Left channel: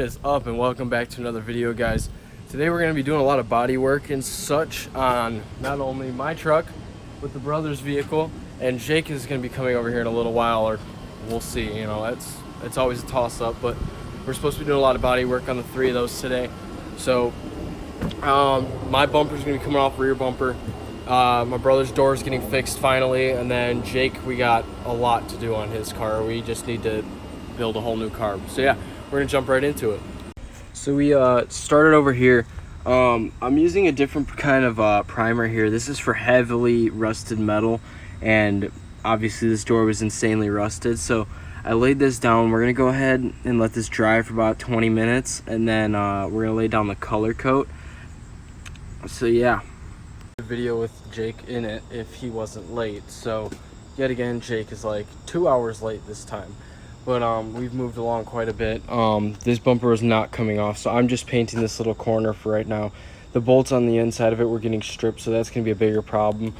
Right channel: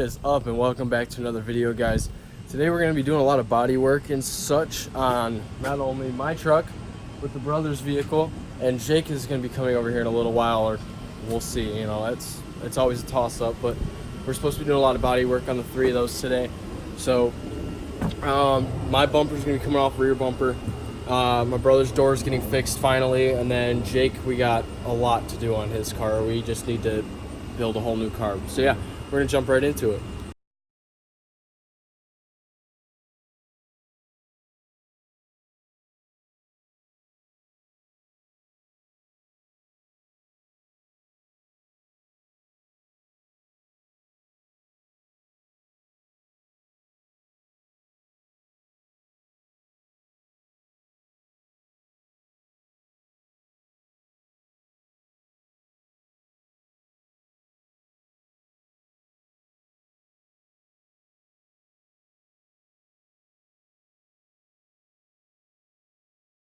What is up, and welcome back to another video, guys. Today we're going to be doing a lot of body work and such on not only my truck but the brother's vehicle, and Jake is going to be coming over here in a little while, or we'll see. You know, it's always a toss-up, but we're supposed to be doing a lot of body work on the three of those today. So my bumper is going to be coming off, rear bumper. My brother's door is getting fixed finally, and then Jake, we got a lot to do on his car. We just need to build a whole new car. So yeah, we're gonna jump right into it. So we started over here. I'm using a different kind of primer here. This is for heavily rusted metal, and obviously this door was insanely rusted, so I laid this down. We're gonna go ahead and let this dry for about 20 minutes, and then we're gonna lay down the color coat. So yeah, video with Jake in it if he wasn't late. So yet again, Jake is like 2 hours late this time, but we've moved along quite a bit. This bumper is not coming off, so I'm just painting this little corner for right now. The bolts on the inside of it were getting stripped, so that's gonna be a bigger problem,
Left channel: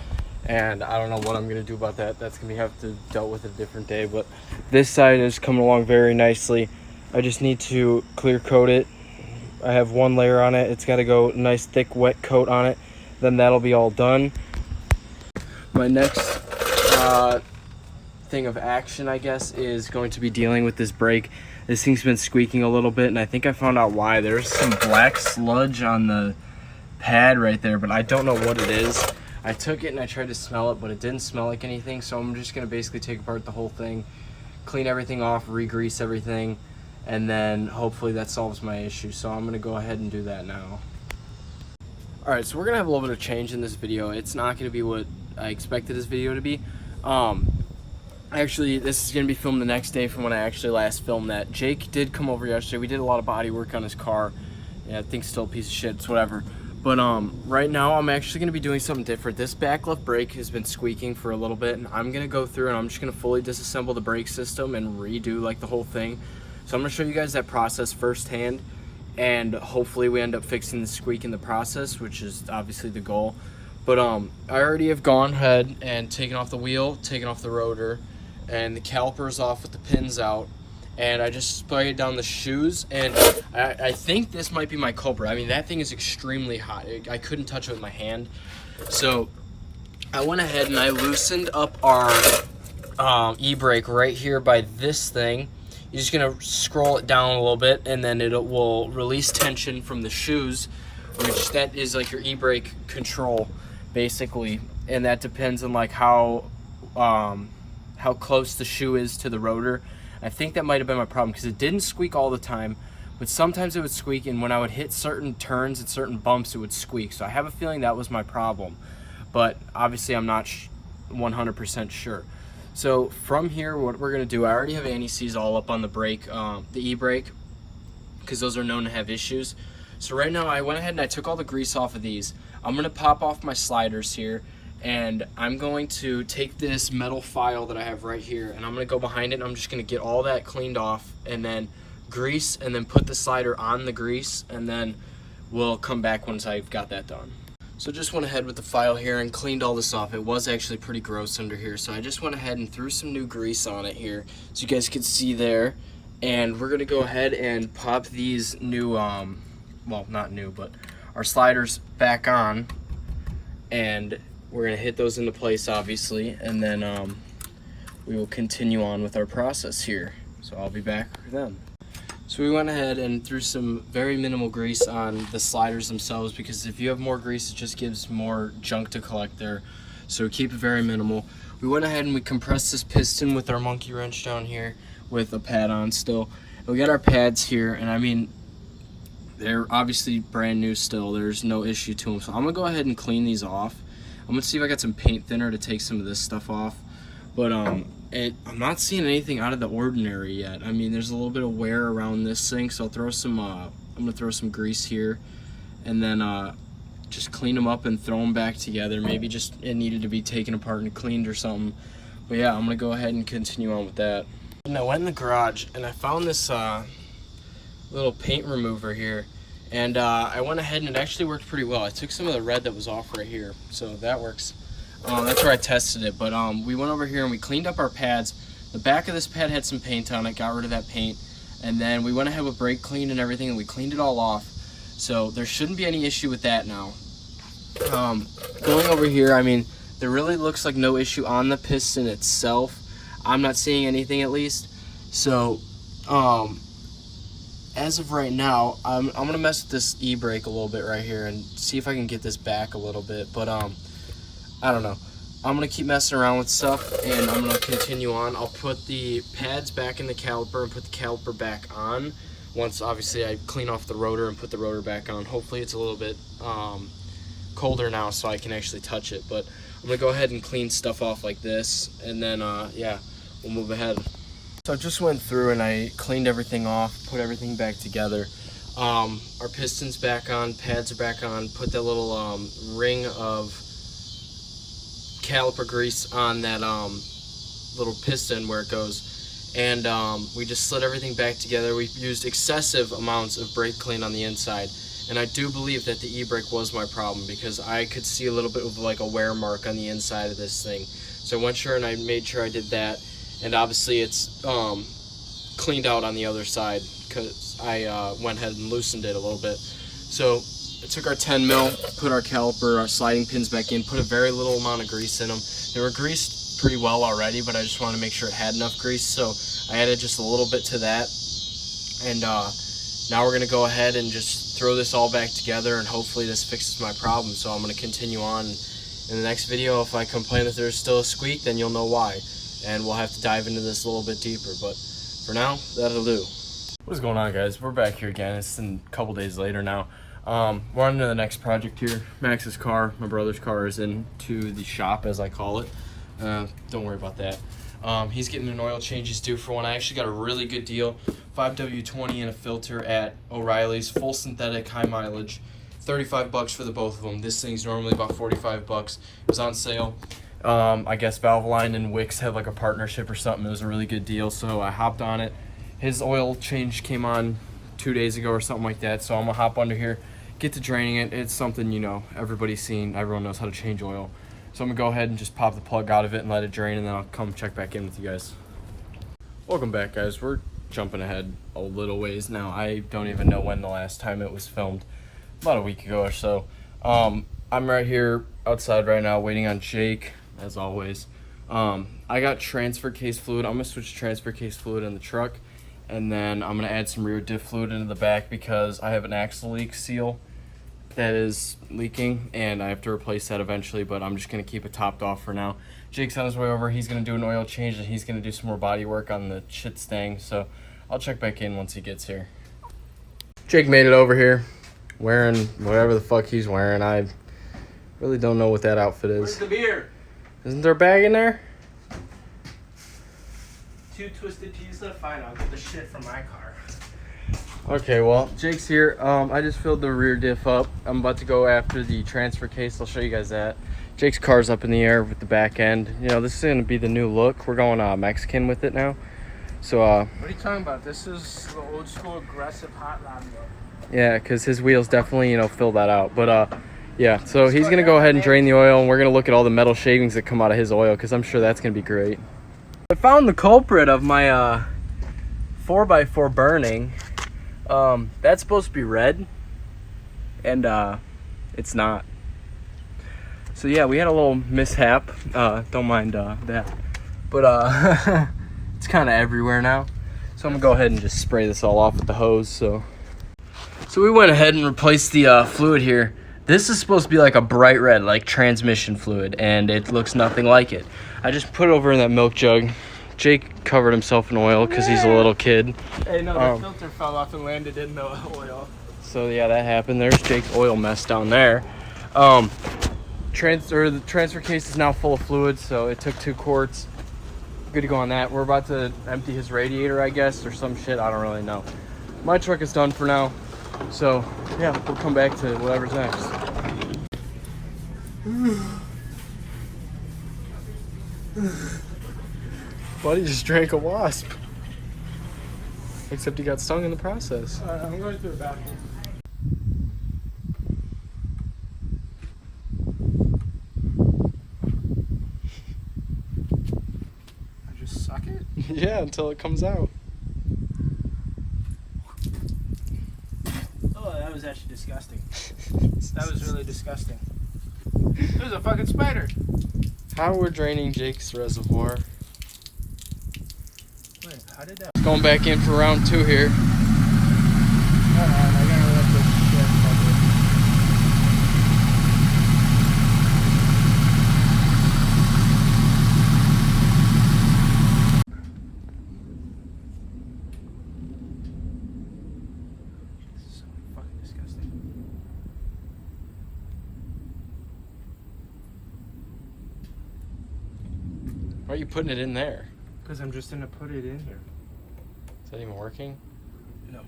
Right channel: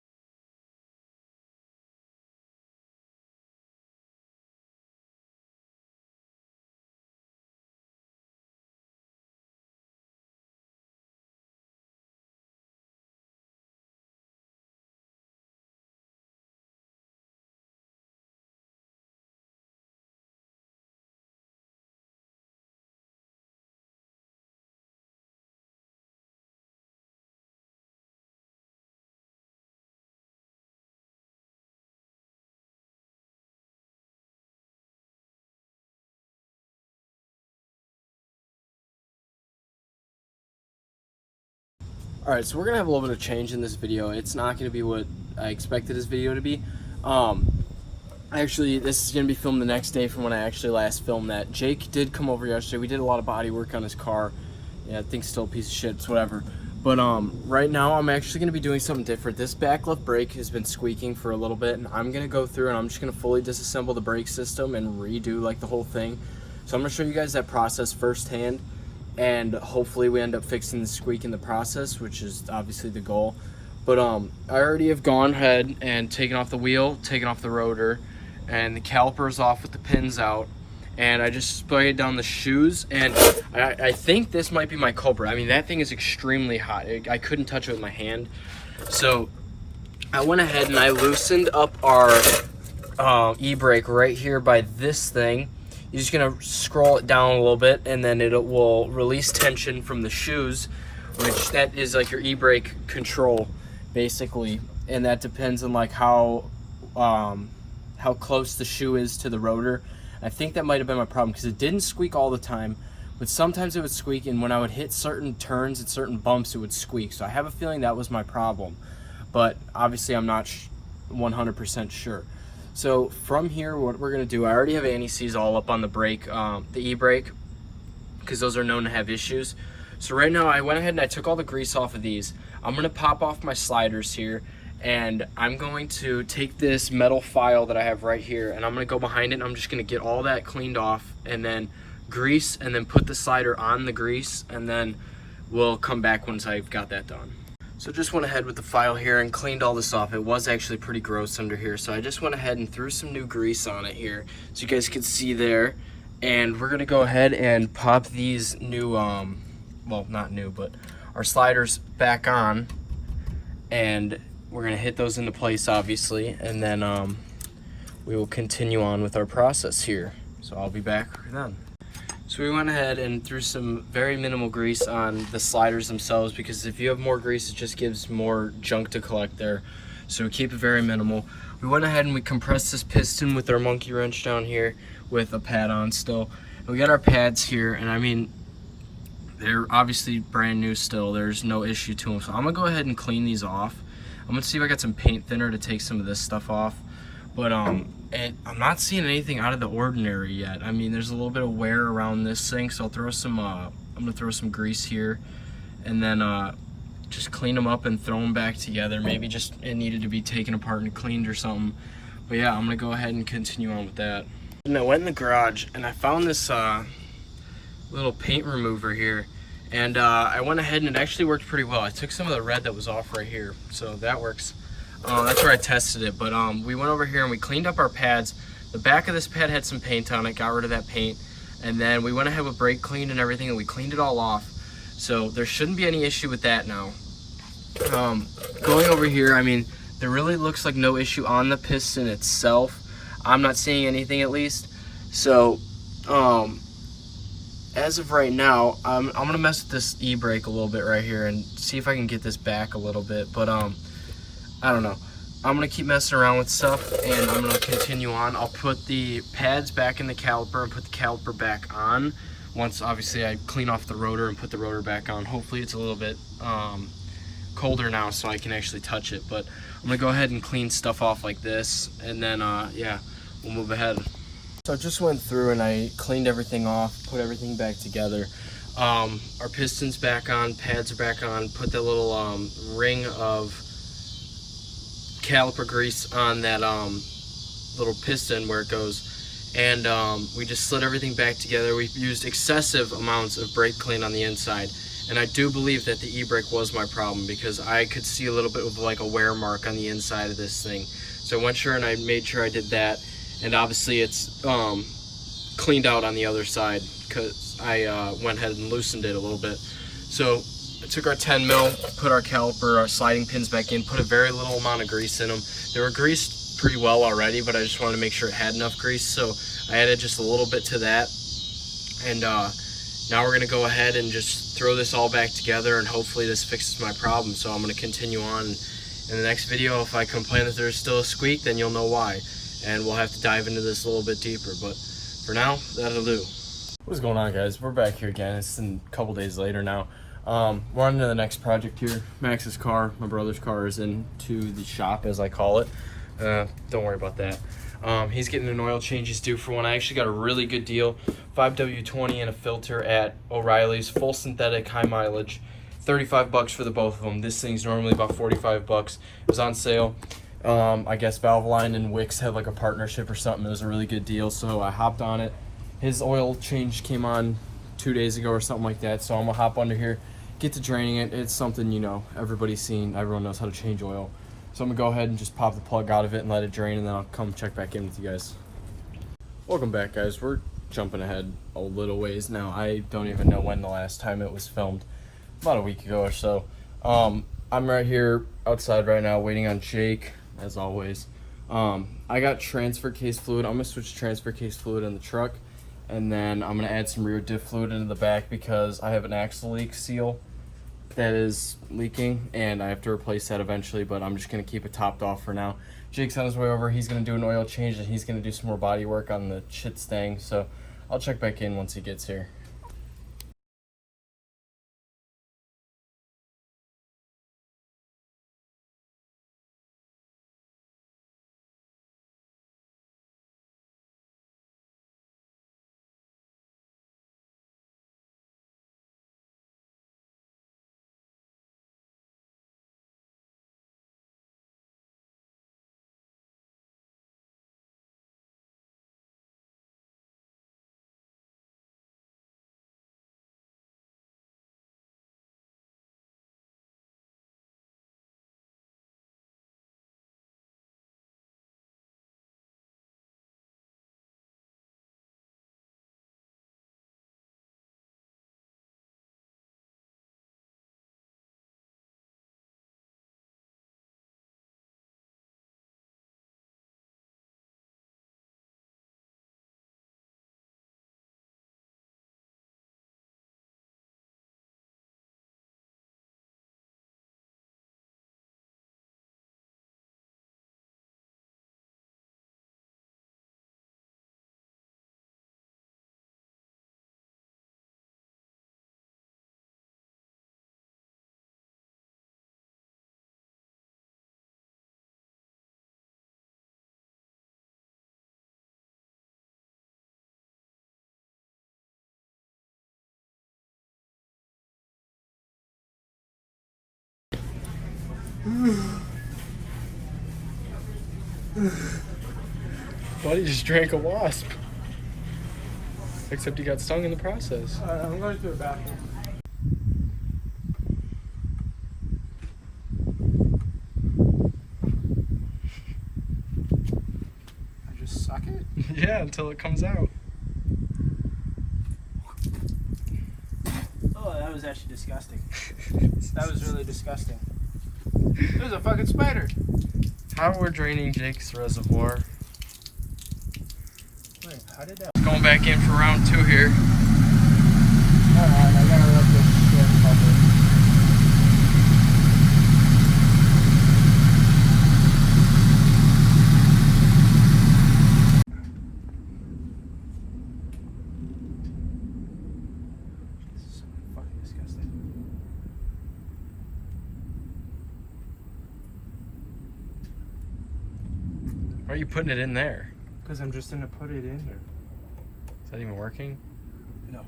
and I don't know what I'm gonna do about that. That's gonna have to dealt with a different day. But this side is coming along very nicely. I just need to clear coat it. I have one layer on it. It's got to go nice thick wet coat on it, then that'll be all done. My next thing of action, I guess, is going to be dealing with this brake. This thing's been squeaking a little bit, and I think I found out why. There's some black sludge on the pad right there, but I don't know what it is. I took it and I tried to smell it, but it didn't smell like anything, so I'm just going to basically take apart the whole thing, clean everything off, re-grease everything, and then hopefully that solves my issue. So I'm going to go ahead and do that now. Alright, so we're going to have a little bit of change in this video. It's not going to be what I expected this video to be. Actually, this is going to be filmed the next day from when I actually last filmed that. Jake did come over yesterday. We did a lot of body work on his car. Yeah, I think still a piece of shit. It's whatever. But right now, I'm actually going to be doing something different. This back left brake has been squeaking for a little bit, and I'm going to go through and I'm just going to fully disassemble the brake system and redo like the whole thing. So I'm going to show you guys that process firsthand, and hopefully we end up fixing the squeak in the process, which is obviously the goal. But I already have gone ahead and taken off the wheel, taken off the rotor, and the caliper's off with the pins out, and I just sprayed down the shoes, and I think this might be my culprit. I mean, that thing is extremely hot. I couldn't touch it with my hand. So I went ahead and I loosened up our e-brake right here by this thing. You're just gonna scroll it down a little bit, and then it will release tension from the shoes, which that is like your e-brake control basically, and that depends on like how close the shoe is to the rotor. I think that might have been my problem, because it didn't squeak all the time, but sometimes it would squeak, and when I would hit certain turns and certain bumps, it would squeak. So I have a feeling that was my problem, but obviously I'm not 100% sure. So from here, what we're gonna do, I already have anti-seize all up on the brake, the e-brake, because those are known to have issues. So right now I went ahead and I took all the grease off of these. I'm gonna pop off my sliders here, and I'm going to take this metal file that I have right here, and I'm gonna go behind it, and I'm just gonna get all that cleaned off, and then grease, and then put the slider on the grease, and then we'll come back once I've got that done. So just went ahead with the file here and cleaned all this off. It was actually pretty gross under here, so I just went ahead and threw some new grease on it here, so you guys could see there. And we're gonna go ahead and pop these new, well, not new, but our sliders back on, and we're gonna hit those into place, obviously, and then we will continue on with our process here. So I'll be back then. So we went ahead and threw some very minimal grease on the sliders themselves, because if you have more grease, it just gives more junk to collect there. So keep it very minimal. We went ahead and we compressed this piston with our monkey wrench down here with a pad on still. And we got our pads here, and I mean, they're obviously brand new still. There's no issue to them. So I'm gonna go ahead and clean these off. I'm gonna see if I got some paint thinner to take some of this stuff off. But I'm not seeing anything out of the ordinary yet. I mean, there's a little bit of wear around this thing, so I'll throw some, I'm gonna throw some grease here, and then just clean them up and throw them back together. Maybe just it needed to be taken apart and cleaned or something. But yeah, I'm gonna go ahead and continue on with that. And I went in the garage and I found this little paint remover here, and I went ahead and it actually worked pretty well. I took some of the red that was off right here, so that works. That's where I tested it. But we went over here and we cleaned up our pads. The back of this pad had some paint on it, got rid of that paint, And then we went ahead with brake clean and everything, and we cleaned it all off. So there shouldn't be any issue with that now. Going over here, I mean, there really looks like no issue on the piston itself. I'm not seeing anything at least. So as of right now, I'm gonna mess with this e-brake a little bit right here and see if I can get this back a little bit. But I don't know. I'm gonna keep messing around with stuff, and I'm gonna continue on. I'll put the pads back in the caliper and put the caliper back on once obviously I clean off the rotor and put the rotor back on. Hopefully it's a little bit colder now so I can actually touch it, but I'm gonna go ahead and clean stuff off like this, and then yeah, we'll move ahead. So I just went through and I cleaned everything off, put everything back together. Our piston's back on, pads are back on, put that little ring of caliper grease on that little piston where it goes, and we just slid everything back together. We used excessive amounts of brake clean on the inside, and I do believe that the e-brake was my problem because I could see a little bit of like a wear mark on the inside of this thing. So I went sure and I made sure I did that, and obviously it's cleaned out on the other side because I went ahead and loosened it a little bit. So I took our 10 mil, put our caliper, our sliding pins back in, put a very little amount of grease in them. They were greased pretty well already, but I just wanted to make sure it had enough grease, so I added just a little bit to that. And now we're gonna go ahead and just throw this all back together, and hopefully this fixes my problem. So I'm gonna continue on. In the next video, if I complain that there's still a squeak, then you'll know why. And we'll have to dive into this a little bit deeper, but for now, that'll do. What is going on, guys? We're back here again. It's a couple days later now. We're on to the next project here. Max's car, my brother's car, is into the shop, as I call it. Don't worry about that. He's getting an oil change. He's due for one. I actually got a really good deal. 5W20 and a filter at O'Reilly's, full synthetic, high mileage. 35 bucks for the both of them. This thing's normally about 45 bucks. It was on sale. I guess Valvoline and Wix had like a partnership or something. It was a really good deal, so I hopped on it. His oil change came on 2 days ago or something like that, so I'm gonna hop under here, get to draining it. It's something, you know, everybody's seen. Everyone knows how to change oil. So I'm gonna go ahead and just pop the plug out of it and let it drain, and then I'll come check back in with you guys. Welcome back, guys. We're jumping ahead a little ways now. I don't even know when the last time it was filmed. About a week ago or so. I'm right here outside right now waiting on Jake, as always. I got transfer case fluid. I'm gonna switch transfer case fluid in the truck, and then I'm gonna add some rear diff fluid into the back because I have an axle leak seal that is leaking, and I have to replace that eventually, but I'm just gonna keep it topped off for now. Jake's on his way over. He's gonna do an oil change, and he's gonna do some more body work on the tstang, so I'll check back in once he gets here. Jake made it over here wearing whatever the fuck he's wearing. I really don't know what that outfit is. Where's the beer? Isn't there a bag in there? 2 twisted teas left. Fine, I'll get the shit from my car. Okay, well, Jake's here. I just filled the rear diff up. I'm about to go after the transfer case. I'll show you guys that. Jake's car's up in the air with the back end. You know, this is going to be the new look. We're going Mexican with it now. So, what are you talking about? This is the old school aggressive hot rod look. Yeah, because his wheels definitely, you know, fill that out. But, yeah, so he's going to go ahead and drain the oil, and we're going to look at all the metal shavings that come out of his oil, because I'm sure that's going to be great. I found the culprit of my 4x4 burning. That's supposed to be red, and it's not. So yeah, we had a little mishap. Don't mind that. But it's kind of everywhere now. So I'm gonna go ahead and just spray this all off with the hose. So we went ahead and replaced the fluid here. This is supposed to be like a bright red, like transmission fluid, and it looks nothing like it. I just put it over in that milk jug. Jake covered himself in oil because he's a little kid. Hey, no, the filter fell off and landed in the oil. So yeah, that happened. There's Jake's oil mess down there. The transfer case is now full of fluid, so it took 2 quarts. Good to go on that. We're about to empty his radiator, I guess, or some shit. I don't really know. My truck is done for now. So yeah, we'll come back to whatever's next. Buddy just drank a wasp. Except he got stung in the process. I'm going to the bathroom. I just suck it? Yeah, until it comes out. was actually disgusting. That was really disgusting. There's a fucking spider. How we're draining Jake's reservoir. Wait, how did that? Going back in for round 2 here. Hold on, I gotta let this shit bubble. This is so fucking disgusting. Why are you putting it in there? Because I'm just gonna put it in here. Is that even working? No.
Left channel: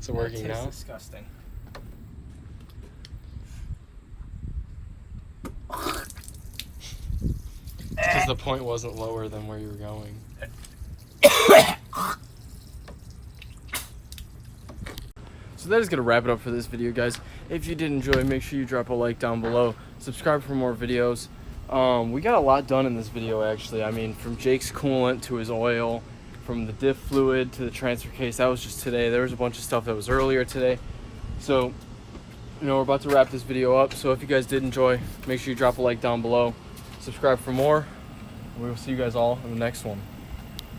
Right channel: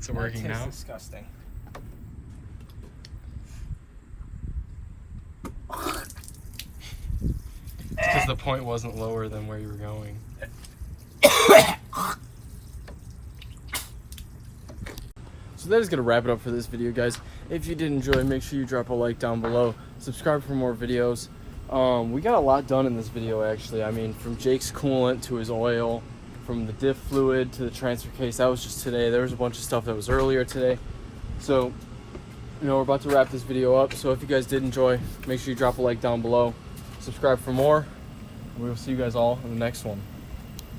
Is it working That tastes now? disgusting. Because the point wasn't lower than where you were going. So that is going to wrap it up for this video, guys. If you did enjoy, make sure you drop a like down below. Subscribe for more videos. We got a lot done in this video, actually. I mean, from Jake's coolant to his oil, from the diff fluid to the transfer case. That was just today. There was a bunch of stuff that was earlier today. So, you know, we're about to wrap this video up. So if you guys did enjoy, make sure you drop a like down below. Subscribe for more. And we will see you guys all in the next one.